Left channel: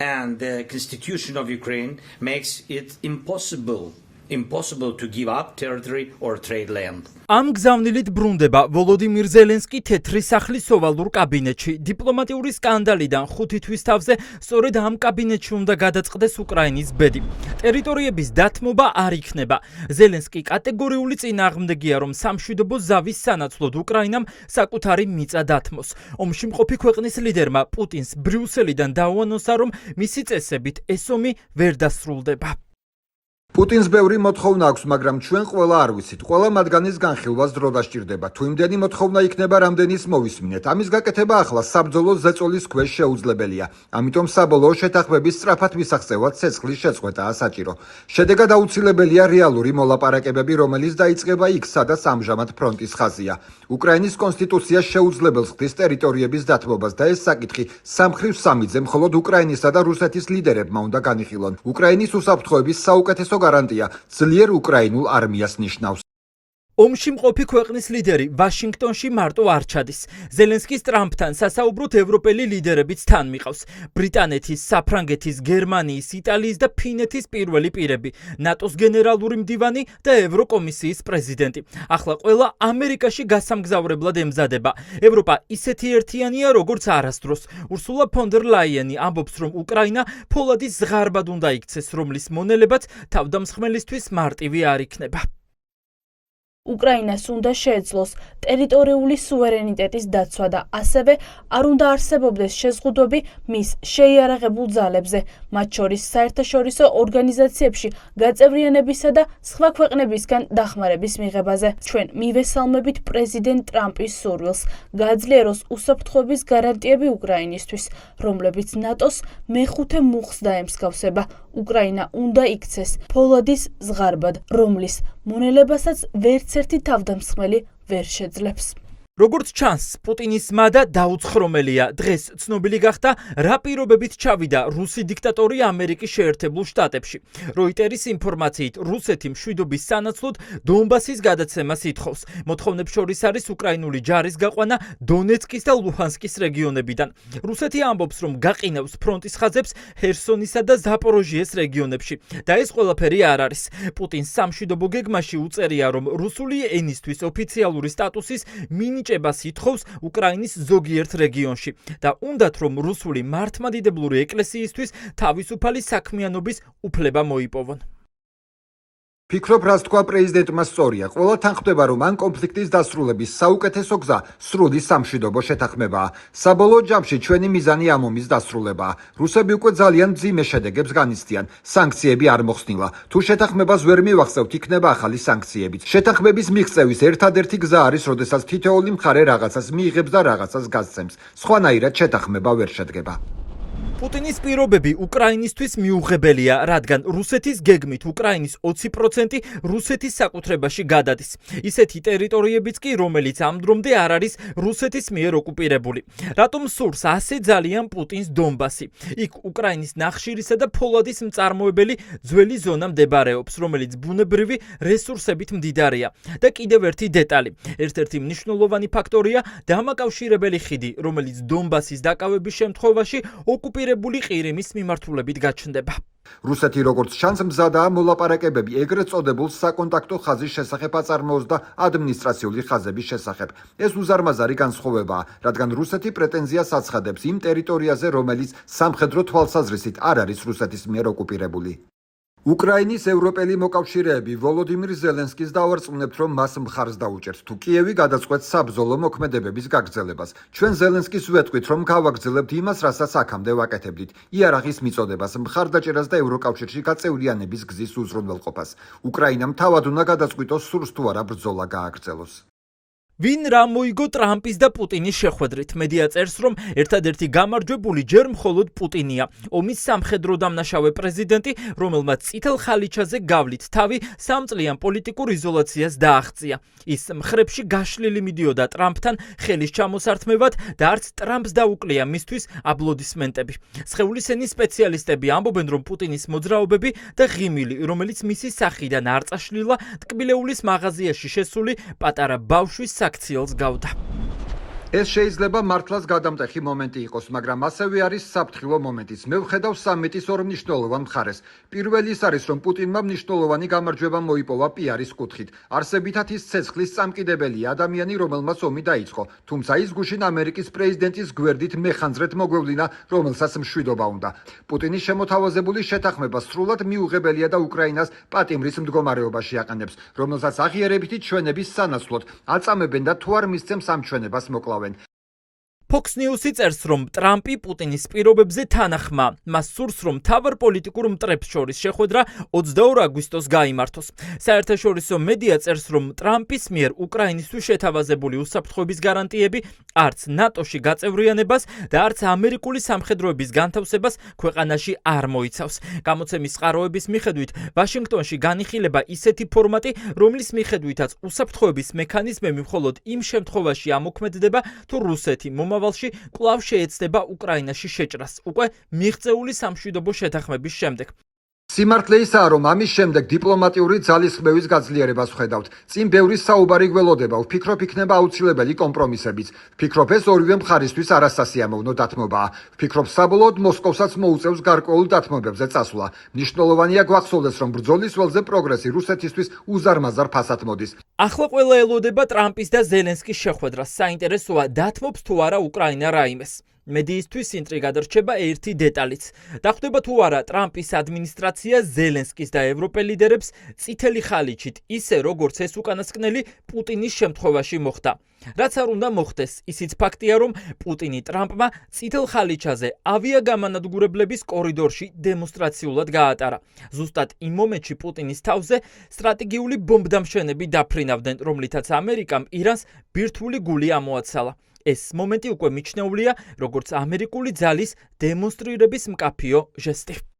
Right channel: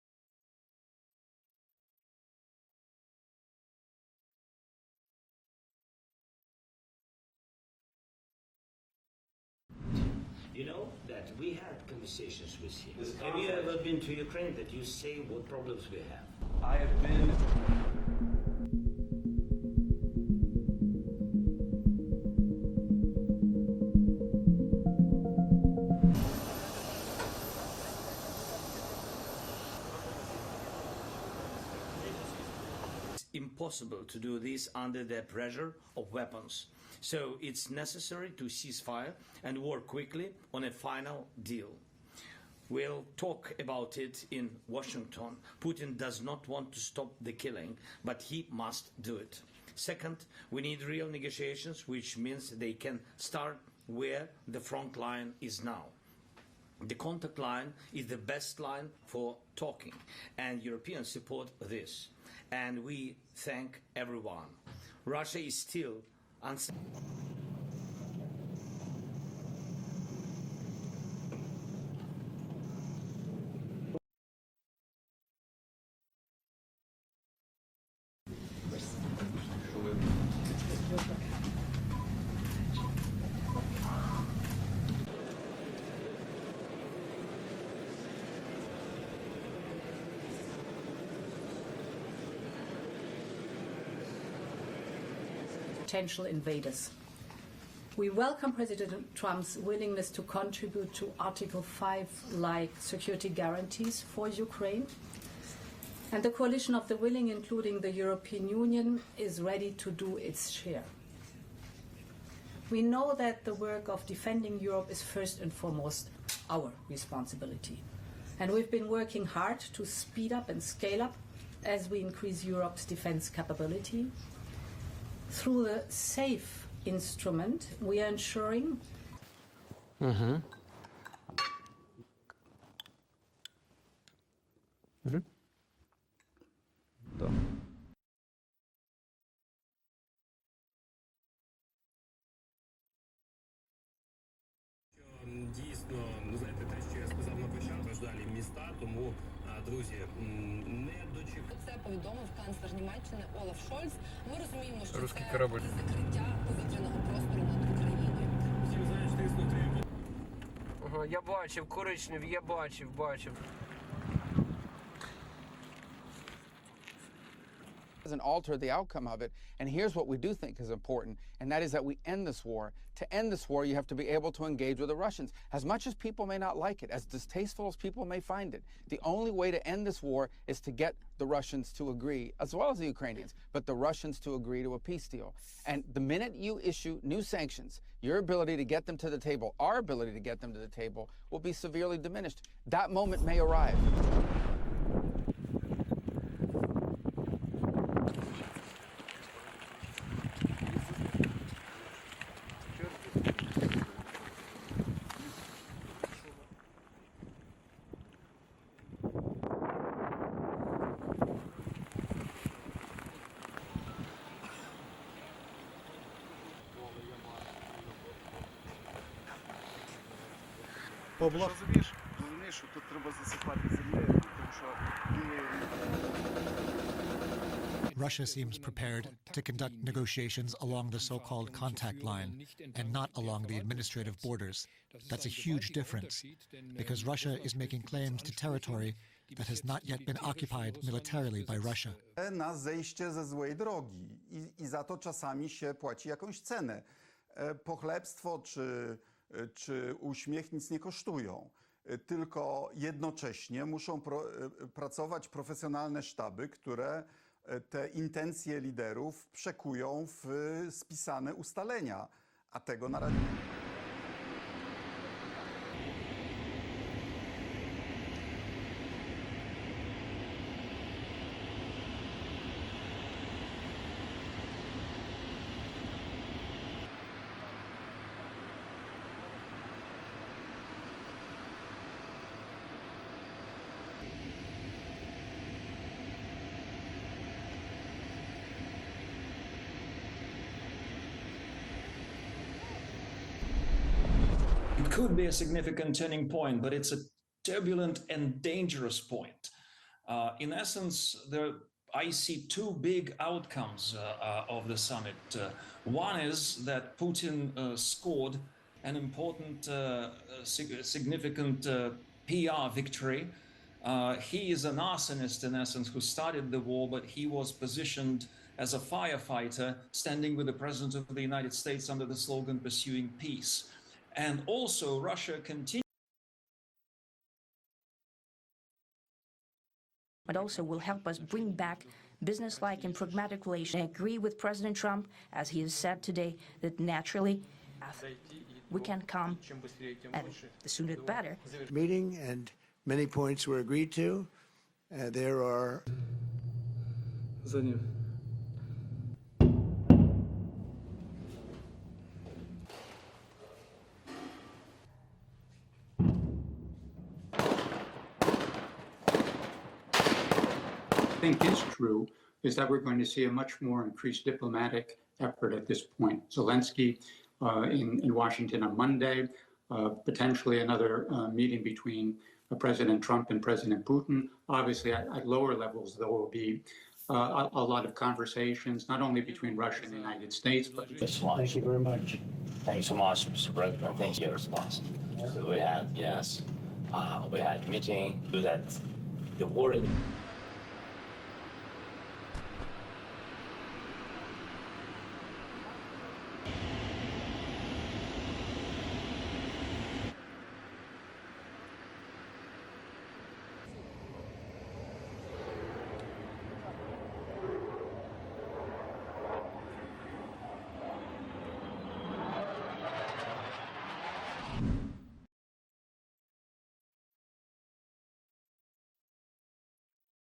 And the constitution of Ukraine makes it impossible to give up territory or trade land. Am გზავნილით ბრუნდება ვოლოდიმირ ზელენსკი თეთრი სახლის ოვალურ კაბინეტში. დიპლომატიური სკანდალიდან 5 თვის თავზე სწორედ ამ კაბინეტში უნდა გადაწყდეს უკრაინის ბედი. ტერიტორიების დათმობა არ იქნება. ზელენსკი კატეგორიული წინააღმდეგია, რომ სამშვიდობო ზავის სანაცვლოდ უკრაინამ საკუთარი მიწა დათმოს. ომში მყოფი ქვეყნის ლიდერმა პუტინს ბრიუსელიდან დაუანონსა, რომ მისი წესებით ეს ომი ვერ დასრულდება. Პუტინს ბევრი მოთხოვნა აქვს, მაგრამ ჩვენ ყველა არ ვიცით. ყველა მათგანის განხილვას დრო დასჭირდება. თუ იმდენი მოთხოვნა იქნება, რამდენის მოვისმინეთ. ამის გაკეთება ახლა საბრძოლო ზეწოლის ქვეშ შეუძლებელია. ამიტომ საბოლოო შეთანხმების სწრაფად მისაღწევად ცეცხლის შეწყვეტაა საჭირო. შედეგად აუცილებელია რეალური მოლაპარაკებები, რომელიც დაიწყება იქ, სადაც ამჟამად ფრონტის ხაზია. უკრაინის კონსტიტუცია შეუძლებელს ხდის ტერიტორიების დათმობას და ეს საკითხი სამხრივ სამიძე მხოლოდ უკრაინისა და რუსეთის ლიდერებმა უნდა განიხილონ. უკრაინის უსაფრთხოების საუკეთესო გარანტია ძლიერ უკრაინულ არმიას ნიშნავს. ომში მყოფი ქვეყნის ლიდერი ვაშინგტონში მარტო არ ჩადის. ზელენსკის ტრამპთან სასაუბროდ ევროპელი ლიდერებიც თან მიყავს. ბრიტანეთის, საფრანგეთის, გერმანიის, იტალიის და ფინეთის პირველი პირები, ნატოს გენერალური მდივანი და ევროკომისიის პრეზიდენტი. ახლა ყველა ამერიკაში გასამგზავრებლად ემზადება. ევროპა ისეთი ერთიანია, როგორც არასდროს. ურსულა ფონ დერ ლაიენი ამბობს, რომ უკრაინა ფოლადის ზღარბად უნდა იქცეს, რომლის მონელებაც თავდამსხმელისთვის მარტივი არ იქნება. უკრაინას უნდა შეეძლოს ტერიტორიული სუვერენიტეტის დაცვა და ასევე არ უნდა არსებობდეს შეზღუდვები მის შეიარაღებულ ძალებზე, მათ შორის საერთაშორისო ორგანიზაციებში გაწევრიანებისა და სხვა ქვეყნებისგან დახმარების მიღებაზე. ჩვენ მივესალმებით პრეზიდენტ ტრამპის სურვილს გააძლიეროს უსაფრთხოების გარანტიები უკრაინისთვის, რომლებიც ნატოს მეხუთე მუხლს დაემსგავსება. უკრაინა უნდა იქცეს ფოლადის ზღარბად, რომლის მონელებასაც ვერცერთი თავდამსხმელი ვერ შეძლებს. როგორც ჩანს, პუტინის მადა დაუცხრომელია. დღეს ცნობილი გახდა, რა პირობებით ჩავიდა რუსი დიქტატორი ამერიკის შეერთებულ შტატებში. როიტერის ინფორმაციით, რუსეთი მშვიდობის სანაცვლოდ დონბასის გადაცემას ითხოვს. მოთხოვნებს შორის არის უკრაინული ჯარის გაყვანა დონეცკის და ლუჰანსკის რეგიონებიდან. რუსეთი ამბობს, რომ გაყინავს ფრონტის ხაზებს ჰერსონისა და ზაპოროჟიეს რეგიონებში. და ეს ყველაფერი არ არის. პუტინს სამშვიდობო გეგმაში უწერია, რომ რუსული ენისთვის ოფიციალური სტატუსის მინიჭებას ითხოვს უკრაინის ზოგიერთ რეგიონში და უნდათ, რომ რუსული მართლმადიდებლური ეკლესიისთვის თავისუფალი საქმიანობის უფლება მოიპოვონ. ფიქრობ, რას თქვა პრეზიდენტმა სწორია. ყველა თანხმდება, რომ ამ კონფლიქტის დასრულების საუკეთესო გზა სრული სამშვიდობო შეთანხმებაა. საბოლოო ჯამში ჩვენი მიზანი ამ ომის დასრულებაა. რუსები უკვე ძალიან მძიმე შედეგებს განიცდიან. სანქციები არ მოხსნილა. თუ შეთანხმებას ვერ მივახსევთ, იქნება ახალი სანქციებიც. შეთანხმების მიღწევის ერთადერთი გზა არის, როდესაც თითოეული მხარე რაღაცას მიიღებს და რაღაცას გასცემს. სხვანაირად შეთანხმება ვერ შედგება. პუტინის პირობები უკრაინისთვის მიუღებელია, რადგან რუსეთის გეგმით უკრაინის 20% რუსეთის საკუთრებაში გადადის. ისეთი ტერიტორიებიც კი, რომელიც ამ დრომდე არ არის რუსეთის მიერ ოკუპირებული. რატომ სურს ასე ძალიან პუტინს დონბასი? იქ უკრაინის ნახშირისა და ფოლადის მწარმოებელი ძველი ზონა მდებარეობს, რომელიც ბუნებრივი რესურსებით მდიდარია. და კიდევ ერთი დეტალი. ერთ-ერთი მნიშვნელოვანი ფაქტორია დამაკავშირებელი ხიდი, რომელიც დონბასის დაკავების შემთხვევაში ოკუპირებული ყირიმის მიმართულებით გაჩნდება. რუსეთი როგორც ჩანს მზადაა მოლაპარაკებები ეგრეთ წოდებულ საკონტაქტო ხაზის შესახებ აწარმოოს და ადმინისტრაციული ხაზების შესახებ. ეს უზარმაზარი განსხვავებაა, რადგან რუსეთი პრეტენზიას აცხადებს იმ ტერიტორიაზე, რომელიც სამხედრო თვალსაზრისით არ არის რუსეთის მიერ ოკუპირებული. უკრაინის ევროპელი მოკავშირეები ვოლოდიმირ ზელენსკის დავარწმუნებთ, რომ მას მხარს დაუჭერთ, თუ კიევი გადაწყვეტს საბრძოლო მოქმედებების გაგრძელებას. ჩვენ ზელენსკის ვეთქვით, რომ გავაგრძელებთ იმას, რასაც აქამდე ვაკეთებდით. იარაღის მიწოდებას, მხარდაჭერას და ევროკავშირში გაწევრიანების გზის უზრუნველყოფას. უკრაინამ თავად უნდა გადაწყვიტოს, სურს თუ არა ბრძოლა გააგრძელოს. ვინ რა მოიგო ტრამპის და პუტინის შეხვედრით? მედია წერს, რომ ერთადერთი გამარჯვებული ჯერ მხოლოდ პუტინია. ომის სამხედრო დამნაშავე პრეზიდენტი, რომელმაც წითელ ხალიჩაზე გავლით თავი სამწლიან პოლიტიკურ იზოლაციას დააღწია. ის მხრებში გაშლილი მიდიოდა ტრამპთან ხელის ჩამოსართმევად და არც ტრამპს დაუკლია მისთვის აპლოდისმენტები. სხეულის ენის სპეციალისტები ამბობენ, რომ პუტინის მოძრაობები და ღიმილი, რომელიც მისი სახიდან არ წაშლილა, ტკბილეულის მაღაზიაში შესული პატარა ბავშვის საქციელს გავდა. ეს შეიძლება მართლაც გადამტეხი მომენტი იყოს, მაგრამ ასევე არის საფრთხილო მომენტიც. მე ვხედავ სამიტის ორ მნიშვნელოვან მხარეს. პირველი ის არის, რომ პუტინმა მნიშვნელოვანი გამარჯვება მოიპოვა პიარის კუთხით. არსებითად ის ცეცხლის წამკიდებელია ადამიანი, რომელმაც ომი დაიწყო. თუმცა ის გუშინ ამერიკის პრეზიდენტის გვერდით მეხანძრეთ მოგვევლინა, რომელსაც მშვიდობა უნდა. პუტინის შემოთავაზებული შეთანხმება სრულად მიუღებელია და უკრაინას პატიმრის მდგომარეობაში აყენებს, რომელსაც აღიარებითი ჩვენების სანაცვლოდ აწამებენ და თუ არ მისცემს ამ ჩვენებას მოკლავენ. Fox News-ი წერს, რომ ტრამპი პუტინის პირობებზე თანახმა. მას სურს, რომ მთავარ პოლიტიკურ მტრებს შორის შეხვედრა 22 აგვისტოს გაიმართოს. საერთაშორისო მედია წერს, რომ ტრამპის მიერ უკრაინისთვის შეთავაზებული უსაფრთხოების გარანტიები არც ნატოში გაწევრიანებას და არც ამერიკული სამხედროების განთავსებას ქვეყანაში არ მოიცავს. გამოცემის წყაროების მიხედვით, ვაშინგტონში განიხილება ისეთი ფორმატი, რომლის მიხედვითაც უსაფრთხოების მექანიზმები მხოლოდ იმ შემთხვევაში ამოქმედდება, თუ რუსეთი მომავალში კვლავ შეეცდება უკრაინაში შეჭრას, უკვე მიღწეული სამშვიდობო შეთანხმების შემდეგ. სიმართლე ისაა, რომ ამის შემდეგ დიპლომატიური ძალისხმევის გაძლიერებას ვხედავთ. წინ ბევრი საუბარი გველოდება, ვფიქრობ იქნება აუცილებელი კომპრომისებიც. ვფიქრობ ეს ორივე მხარისთვის არასასიამოვნო დათმობაა. ვფიქრობ საბოლოოდ მოსკოვსაც მოუწევს გარკვეულ დათმობებზე წასვლა. მნიშვნელოვანია გვახსოვდეს, რომ ბრძოლის ველზე პროგრესი რუსეთისთვის უზარმაზარ ფასად მოდის. ახლა ყველა ელოდება ტრამპის და ზელენსკის შეხვედრას. საინტერესოა, დათმობს თუ არა უკრაინა რაიმეს. მედიისთვის ინტრიგა დარჩება ერთი დეტალიც. დახვდება თუ არა ტრამპის ადმინისტრაცია ზელენსკის და ევროპელ ლიდერებს წითელი ხალიჩით, ისე როგორც ეს უკანასკნელი პუტინის შემთხვევაში მოხდა. რაც არ უნდა მოხდეს, ისიც ფაქტია, რომ პუტინი ტრამპმა წითელ ხალიჩაზე ავიაგამანადგურებლების კორიდორში დემონსტრაციულად გაატარა. ზუსტად იმ მომენტში პუტინის თავზე სტრატეგიული ბომბდამშვენები დაფრინავდნენ, რომლითაც ამერიკამ ირანს ბირთვული გული ამოაცალა. ეს მომენტი უკვე მიჩნეულია, როგორც ამერიკული ძალის დემონსტრირების მკაფიო ჟესტი.